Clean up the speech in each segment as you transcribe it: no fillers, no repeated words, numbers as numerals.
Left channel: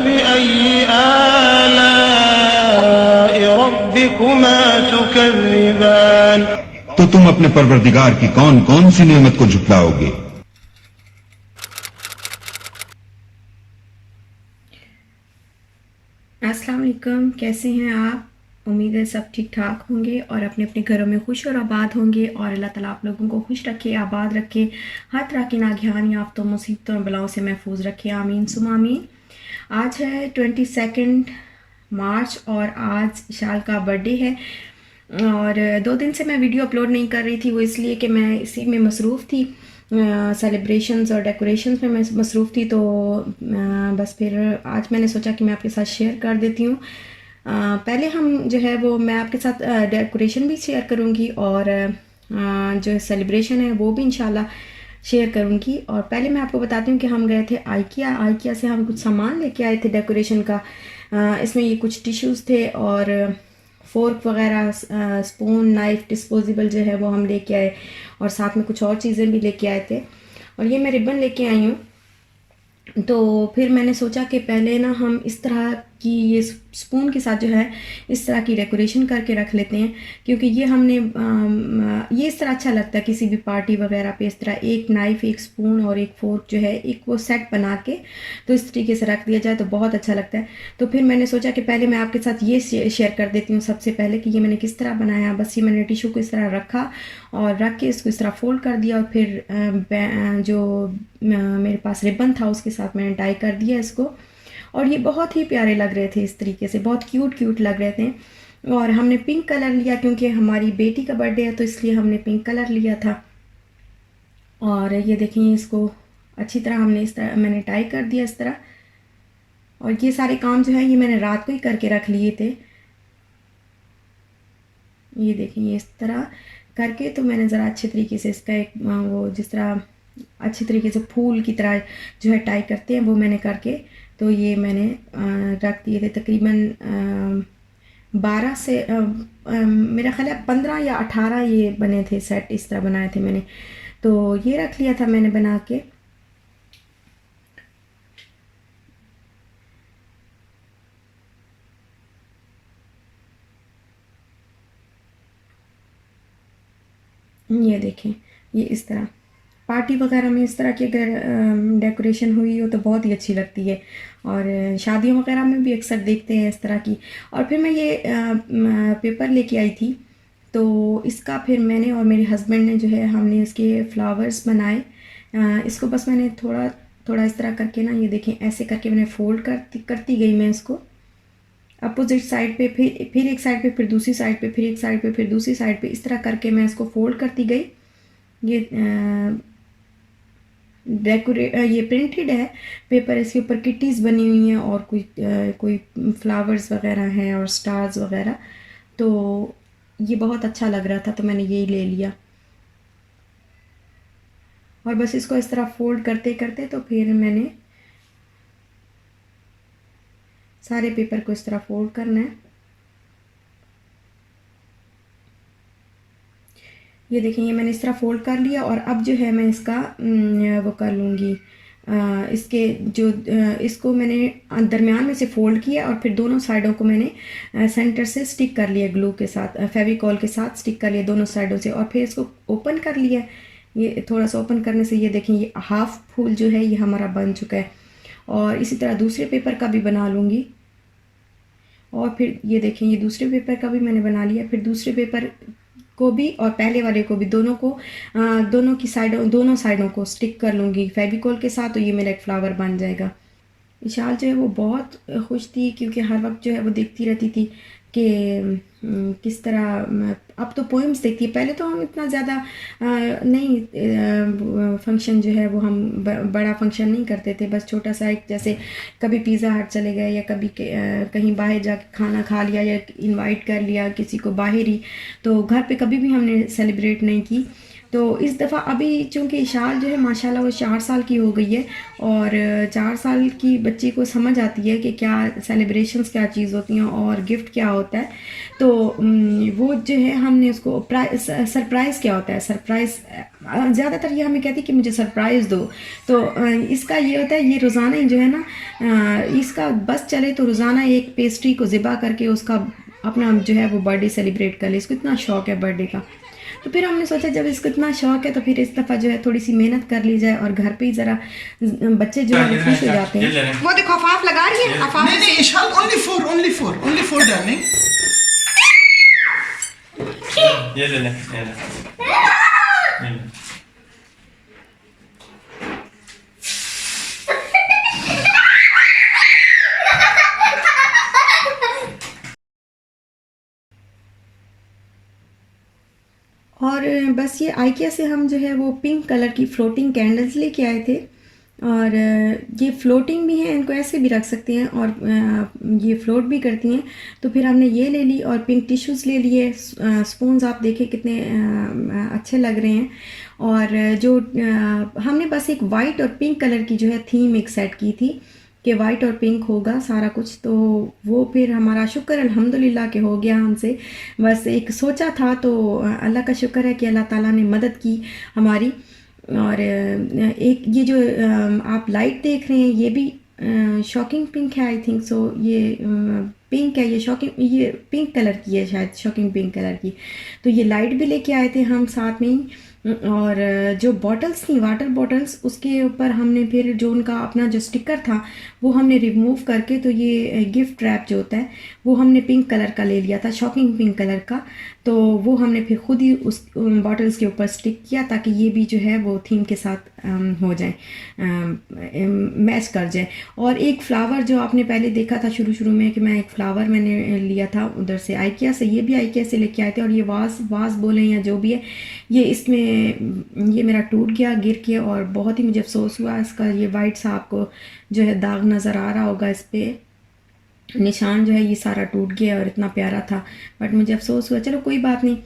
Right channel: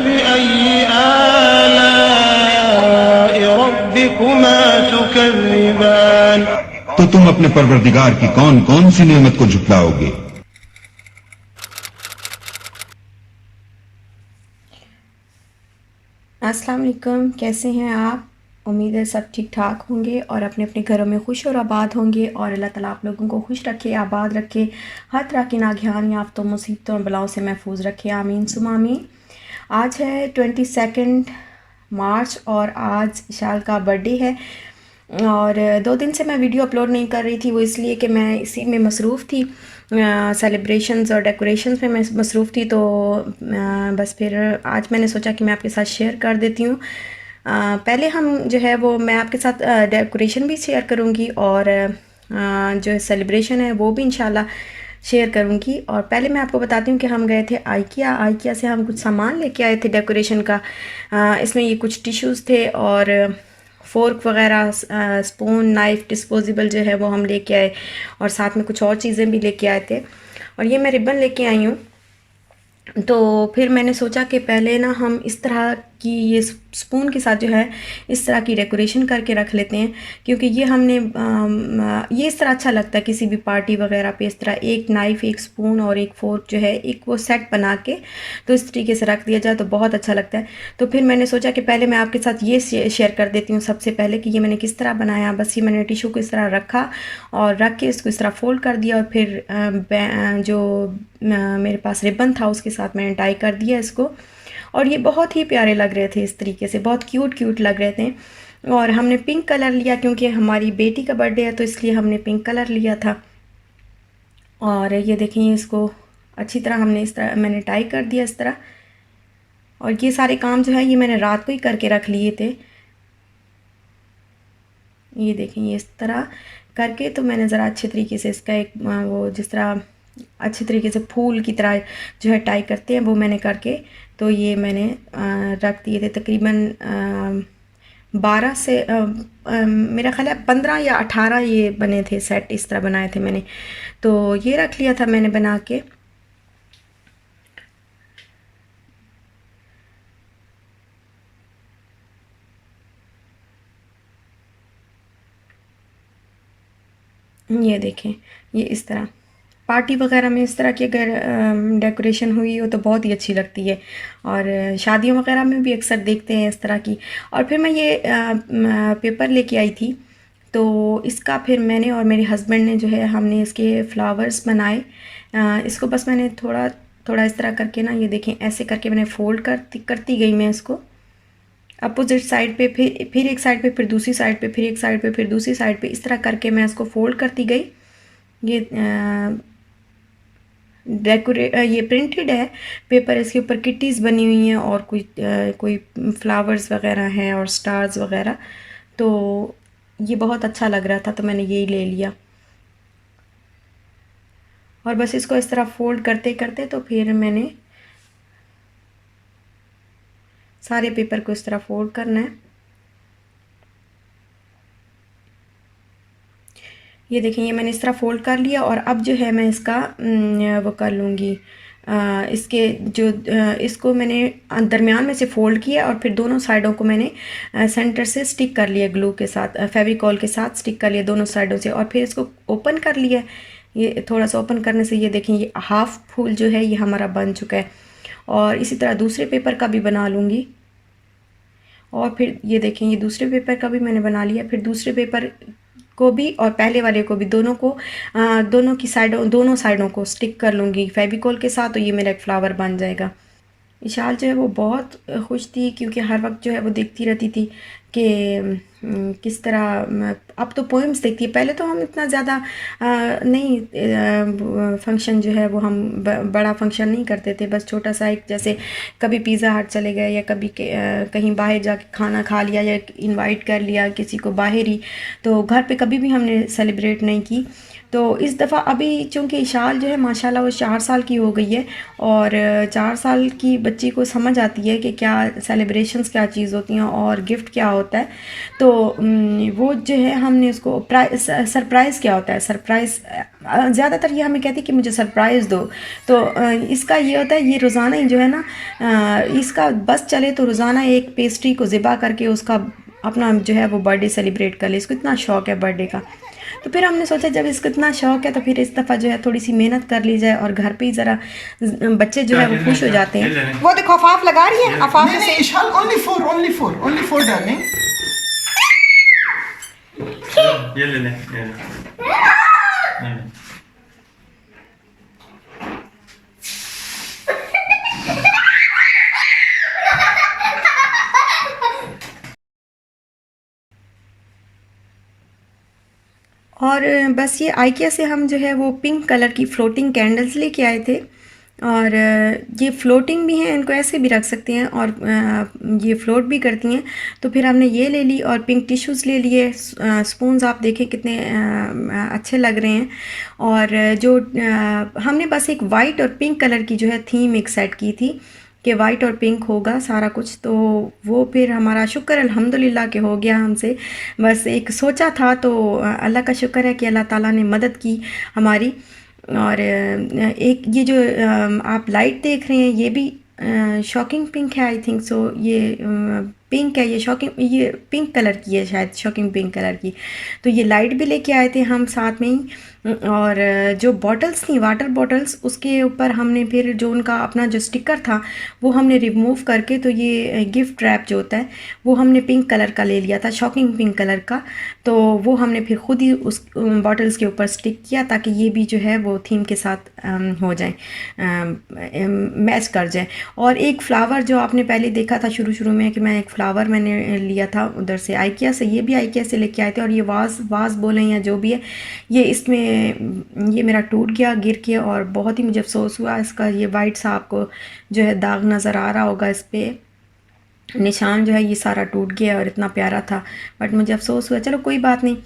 फबिअय्यि आलाइ रब्बिकुमा तुकज़्ज़िबान। तो तुम अपने परवरदिगार की कौन कौन सी नेमत को झुटलाओगे। अस्सलाम वालेकुम, कैसे हैं आप? उम्मीद है सब ठीक ठाक होंगे और अपने अपने घरों में खुश और आबाद होंगे और अल्लाह ताला आप लोगों को खुश रखे, आबाद रखे, हर तरह की नागहानी आफ़तों मुसीबतों और बलाओं से महफूज रखे, आमीन सुमा आमीन। आज है 22 मार्च और आज इशाल का बर्थडे है और 2 दिन से मैं वीडियो अपलोड नहीं कर रही थी। वो इसलिए कि मैं इसी में मसरूफ़ थी, सेलिब्रेशंस और डेकोरेशंस में मैं मसरूफ़ थी। तो बस फिर आज मैंने सोचा कि मैं आपके साथ शेयर कर देती हूँ। पहले हम जो है वो मैं आपके साथ डेकोरेशन भी शेयर करूँगी और जो सेलिब्रेशन है वो भी इंशाल्लाह शेयर करूँगी। और पहले मैं आपको बताती हूँ कि हम गए थे आइकिया से हम कुछ सामान लेके आए थे डेकोरेशन का। इसमें ये कुछ टिश्यूज़ थे और फ़ोर्क वगैरह, स्पून, नाइफ़, डिस्पोजेबल जो है वो हम लेके आए और साथ में कुछ और चीज़ें भी लेके आए थे। और ये मैं रिबन लेके आई हूँ। तो फिर मैंने सोचा कि पहले ना हम इस तरह की ये स्पून के साथ जो है इस तरह की डेकोरेशन करके रख लेते हैं, क्योंकि ये हमने ये इस तरह अच्छा लगता है किसी भी पार्टी वगैरह पे। इस तरह एक नाइफ़, एक स्पून और एक फ़ोर्क जो है एक वो सेट बना के तो इस तरीके से रख दिया जाए तो बहुत अच्छा लगता है। तो फिर मैंने सोचा कि पहले मैं आपके साथ ये शेयर कर देती हूँ सबसे पहले कि ये मैंने किस तरह बनाया। बस ये मैंने टिशू को इस तरह रखा और रख के इसको इस तरह फ़ोल्ड कर दिया और फिर जो मेरे पास रिबन था उसके साथ मैंने टाई कर दिया इसको। और ये बहुत ही प्यारे लग रहे थे, इस तरीके से बहुत क्यूट लग रहे थे। और हमने पिंक कलर लिया क्योंकि हमारी बेटी का बर्थडे है, तो इसलिए हमने पिंक कलर लिया था। और ये देखें, इसको अच्छी तरह हमने इस तरह मैंने टाई कर दिया इस तरह। और ये सारे काम जो है ये मैंने रात को ही करके रख लिए थे। ये देखें, ये इस तरह करके तो मैंने ज़रा अच्छे तरीके से इसका एक वो जिस तरह अच्छे तरीके से फूल की तरह जो है टाई करते हैं वो मैंने करके तो ये मैंने रख दिए थे। तकरीबन 12 से मेरा ख्याल है 15 या 18 ये बने थे सेट, इस तरह बनाए थे मैंने। तो ये रख लिया था मैंने बना के। ये देखें, ये इस तरह पार्टी वगैरह में इस तरह की अगर डेकोरेशन हुई हो तो बहुत ही अच्छी लगती है। और शादियों वगैरह में भी अक्सर देखते हैं इस तरह की। और फिर मैं ये पेपर लेके आई थी, तो इसका फिर मैंने और मेरे हस्बैंड ने जो है हमने इसके फ्लावर्स बनाए। इसको बस मैंने थोड़ा थोड़ा इस तरह करके ना, ये देखें ऐसे करके मैंने फ़ोल्ड करती गई मैं इसको अपोजिट साइड पे, फिर एक साइड पे, फिर दूसरी साइड पे, फिर एक साइड पे, फिर दूसरी साइड पे, इस तरह करके मैं इसको फ़ोल्ड करती गई। ये ये प्रिंटेड है पेपर, इसके ऊपर किटीज़ बनी हुई हैं और कोई फ्लावर्स वगैरह हैं और स्टार्स वगैरह। तो ये बहुत अच्छा लग रहा था तो मैंने यही ले लिया। और बस इसको इस तरह फ़ोल्ड करते करते तो फिर मैंने सारे पेपर को इस तरह फ़ोल्ड करना है। ये देखें, ये मैंने इस तरह फ़ोल्ड कर लिया और अब जो है मैं इसका वो कर लूँगी। इसके जो इसको मैंने दरमियान में से फ़ोल्ड किया और फिर दोनों साइडों को मैंने सेंटर से स्टिक कर लिया, ग्लू के साथ, फेविकॉल के साथ स्टिक कर लिया दोनों साइडों से। और फिर इसको ओपन कर लिया। ये थोड़ा सा ओपन करने से ये देखें, ये हाफ़ फूल जो है ये हमारा बन चुका है। और इसी तरह दूसरे पेपर का भी बना लूँगी। और फिर ये देखें, ये दूसरे पेपर का भी मैंने बना लिया। फिर दूसरे पेपर को भी और पहले वाले को भी दोनों साइडों को स्टिक कर लूँगी फेविकॉल के साथ, तो ये मेरा एक फ्लावर बन जाएगा। इशाल जो है वो बहुत खुश थी क्योंकि हर वक्त जो है वो देखती रहती थी कि किस तरह अब तो पोएम्स देखती है। पहले तो हम इतना ज़्यादा नहीं फंक्शन जो है वो हम बड़ा फंक्शन नहीं करते थे, बस छोटा सा एक, जैसे कभी पिज़्ज़ा हट चले गए या कभी कहीं बाहर जाके खाना खा लिया या इनवाइट कर लिया किसी को बाहर ही, तो घर पे कभी भी हमने सेलिब्रेट नहीं की। तो इस दफ़ा अभी चूँकि इशाल जो है माशाल्लाह वो 4 साल की हो गई है, और 4 साल की बच्ची को समझ आती है कि क्या सेलिब्रेशंस क्या चीज़ होती हैं और गिफ्ट क्या होता है। तो वो जो है हमने उसको सरप्राइज़ क्या होता है, सरप्राइज़ ज़्यादातर ये हमें कहती है कि मुझे सरप्राइज़ दो। तो इसका ये होता है, ये रोज़ाना ही जो है ना, इसका बस चले तो रोज़ाना एक पेस्ट्री को ज़िबा करके उसका अपना जो है वो बर्थडे सेलिब्रेट कर ले। इसको इतना शौक़ है बर्थडे का। तो फिर हमने सोचा जब इसको इतना शौक़ है तो फिर इस दफ़ा जो है थोड़ी सी मेहनत कर ली जाए, और घर पे ही ज़रा बच्चे जो है वो खुश हो जाते हैं। वो देखो अफाफ लगा रही है, अफाफ नहीं नहीं इशाल, only four darling. ये ले ले। और बस ये आइकिया से हम जो है वो पिंक कलर की फ्लोटिंग कैंडल्स लेके आए थे, और ये फ्लोटिंग भी हैं, इनको ऐसे भी रख सकते हैं और ये फ्लोट भी करती हैं। तो फिर हमने ये ले ली और पिंक टिश्यूज़ ले लिए। स्पून्स आप देखें कितने अच्छे लग रहे हैं। और जो हमने बस एक वाइट और पिंक कलर की जो है थीम एक सेट की थी कि वाइट और पिंक होगा सारा कुछ। तो वो फिर हमारा शुक्र अल्हम्दुलिल्लाह के हो गया हमसे। बस एक सोचा था तो अल्लाह का शुक्र है कि अल्लाह ताला ने मदद की हमारी। और एक ये जो आप लाइट देख रहे हैं ये भी शॉकिंग पिंक है, आई थिंक सो। ये पिंक है, ये शॉकिंग, ये पिंक कलर की है शायद, शॉकिंग पिंक कलर की। तो ये लाइट भी लेके आए थे हम साथ में ही। और जो बॉटल्स थी, वाटर बॉटल्स, उसके ऊपर हमने फिर जो उनका अपना जो स्टिकर था वो हमने रिमूव करके, तो ये गिफ्ट रैप जो होता है वो हमने पिंक कलर का ले लिया था, शॉकिंग पिंक कलर का। तो वो हमने फिर ख़ुद ही उस बॉटल्स के ऊपर स्टिक किया ताकि ये भी जो है वो थीम के साथ हो जाए, मैच कर जाए। और एक फ़्लावर जो आपने पहले देखा था शुरू में कि मैं एक फ़्लावर मैंने लिया था उधर से आइकिया से, ये भी आइकिया से लेके आए थे। और ये वाज बोलें या जो भी है, ये इसमें ये मेरा टूट गया गिर के, और बहुत ही मुझे अफसोस हुआ इसका। ये वाइट सा आपको जो है दाग नज़र आ रहा होगा, इस पर निशान जो है ये सारा टूट गया और इतना प्यारा था, बट मुझे अफसोस हुआ। चलो कोई बात नहीं।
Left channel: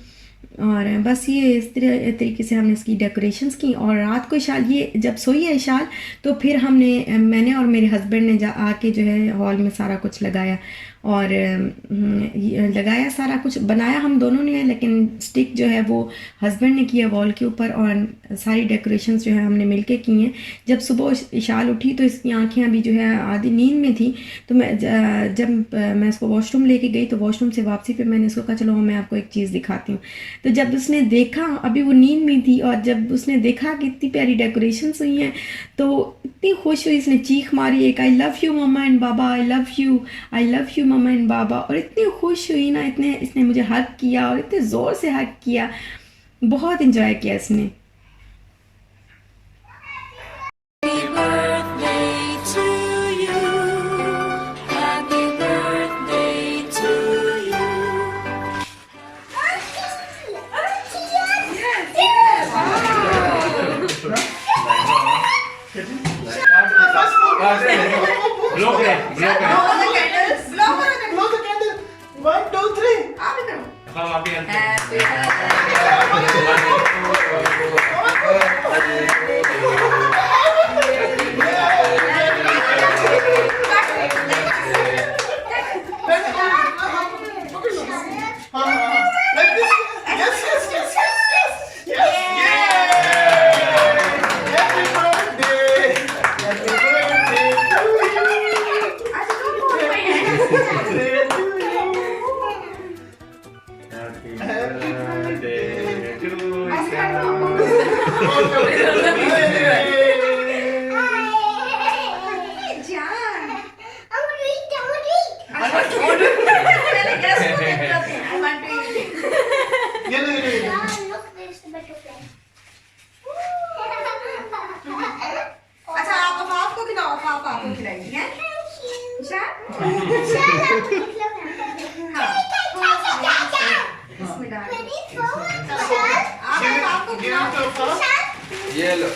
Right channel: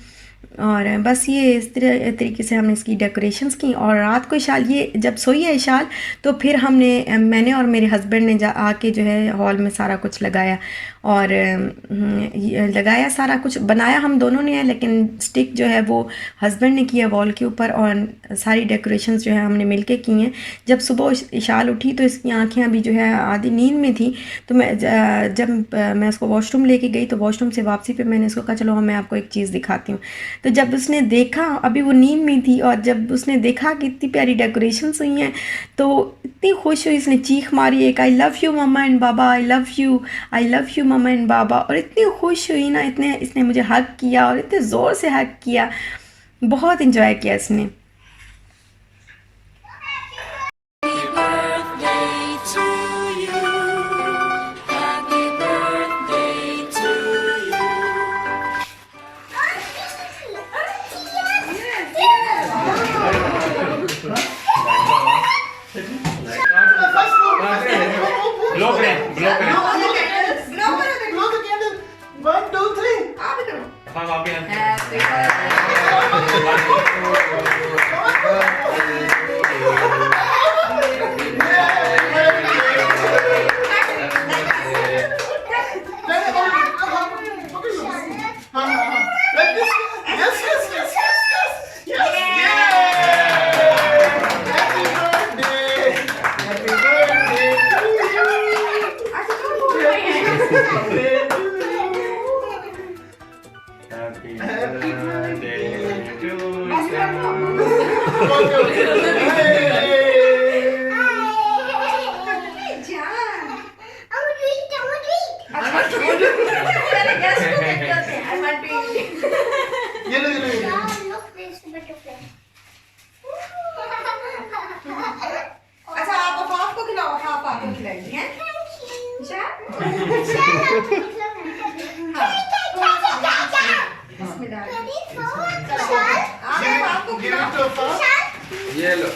और बस ये इस तरीके से हमने इसकी डेकोरेशंस की। और रात को इशाल ये जब सोई है इशाल, तो फिर मैंने और मेरे हस्बैंड ने आके जो है हॉल में सारा कुछ लगाया, और लगाया सारा कुछ बनाया हम दोनों ने है, लेकिन स्टिक जो है वो हस्बैंड ने किया वॉल के ऊपर, और सारी डेकोरेशंस जो है हमने मिलके की हैं। जब सुबह इशाल उठी तो इसकी आंखें अभी जो है आधी नींद में थी। तो जब मैं उसको वॉशरूम लेके गई तो वॉशरूम से वापसी पे मैंने उसको कहा चलो मैं आपको एक चीज़ दिखाती हूँ। तो जब उसने देखा, अभी वो नींद में थी, और जब उसने देखा कि इतनी प्यारी डेकोरेशंस हुई हैं तो इतनी खुश हुई, इसने चीख मारी एक, I love you mumma and baba, I love you mumma and baba. और इतनी खुश हुई ना, इसने मुझे हग किया और इतने ज़ोर से हग किया, बहुत इंजॉय किया इसने। Blow the candle. 1, 2, 3. Like this. Yes. Happy birthday to you. Happy birthday to अच्छा आप आपको खिलाओ, आप आपको खिलाएंगे हैं? ये लो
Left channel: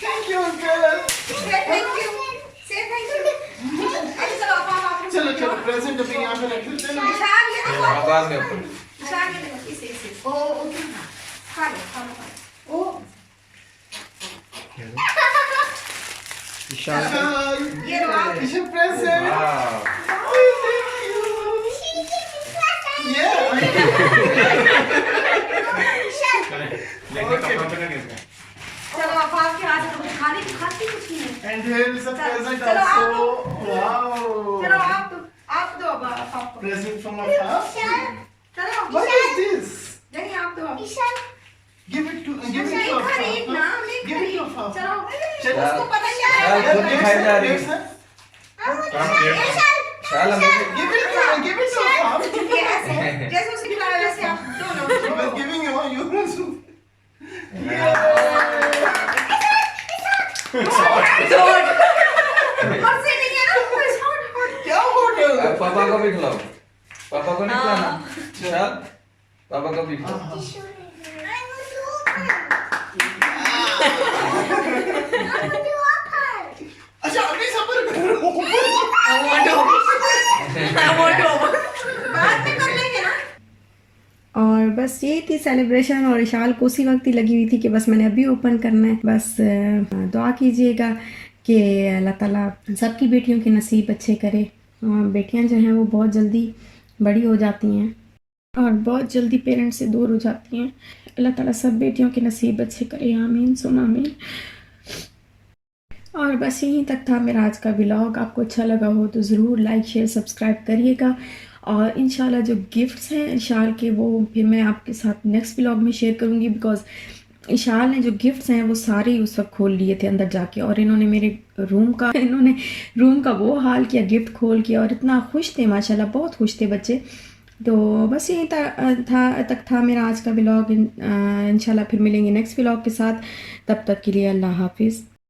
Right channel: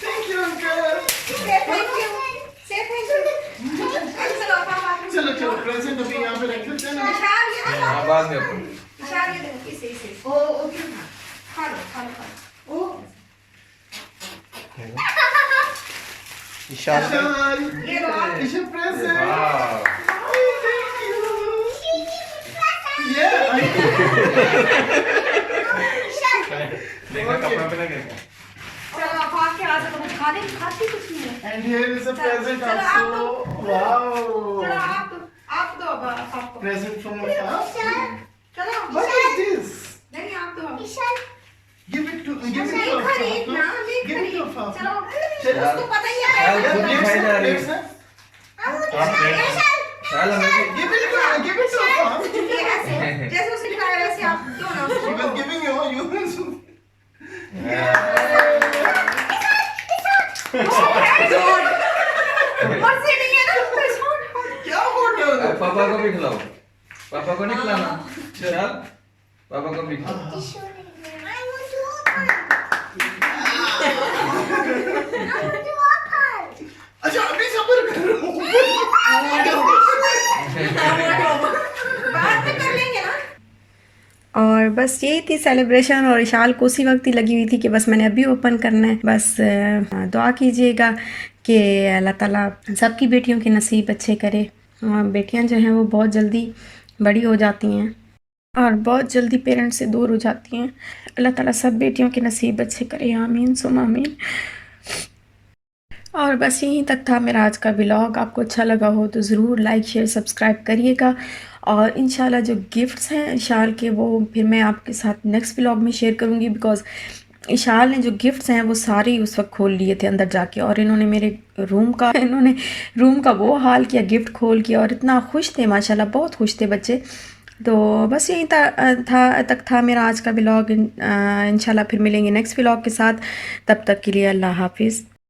Thank you, uncle. Say thank you. Say thank you. खा लो खा लो खा लो। ओ Ishan, ये लो आप। Ishan present. Wow. Oh, thank you. Yeah. देखो कपड़े पे लगे हैं। चलो आप आपके हाथ से कुछ खाने खाती कुछ नहीं है। And here is a present चलो आप also. चलो Wow. आप दो अब आपको। Present from a past. चलो What is this? नहीं आप दो अब। Give it to नहीं a खरीद ना नहीं Give it खरीद। to a papa. चलो चलो। उसको पता ही है। चल, Yeah, खुद ही खाई जा रही है। next, next. चल हमें Give it to a papa. ये ऐसे जैसे उसने दिखाया वैसे आप दो ना। She was giving you. और से नहीं है ना हॉट हॉट। क्या हो अब गया? पापा को भी खिलाओ। पापा को नहीं खिलाना। चल पापा को भी खिलाओ। अच्छा अभी सबर करो। बाद में कर लेंगे ना। और बस यही थी सेलिब्रेशन और इशाल को उसी वक्त ही लगी हुई थी कि बस मैंने अभी ओपन करना है। बस दुआ कीजिएगा कि अल्लाह ताला सबकी बेटियों के नसीब अच्छे करे। बेटियां जो हैं वो बहुत जल्दी बड़ी हो जाती हैं और बहुत जल्दी पेरेंट्स से दूर हो जाती हैं। अल्लाह ताला सब बेटियों के नसीब अच्छे करे, आमीन सुम आमीन। और बस यहीं तक था मेरा आज का व्लॉग। आपको अच्छा लगा हो तो ज़रूर लाइक शेयर सब्सक्राइब करिएगा और इंशाल्लाह जो गिफ्ट्स हैं इशाल के वो फिर मैं आपके साथ नेक्स्ट व्लॉग में शेयर करूँगी। बिकॉज़ इशाल ने जो गिफ्ट्स हैं वो सारे ही उस वक्त खोल लिए थे अंदर जाके और इन्होंने मेरे रूम का वो हाल किया गिफ्ट खोल के और इतना खुश थे माशाल्लाह, बहुत खुश थे बच्चे। तो बस यहीं तक था मेरा आज का व्लॉग। इंशाल्लाह फिर मिलेंगे नेक्स्ट व्लॉग के साथ। तब तक के लिए अल्लाह हाफिज़।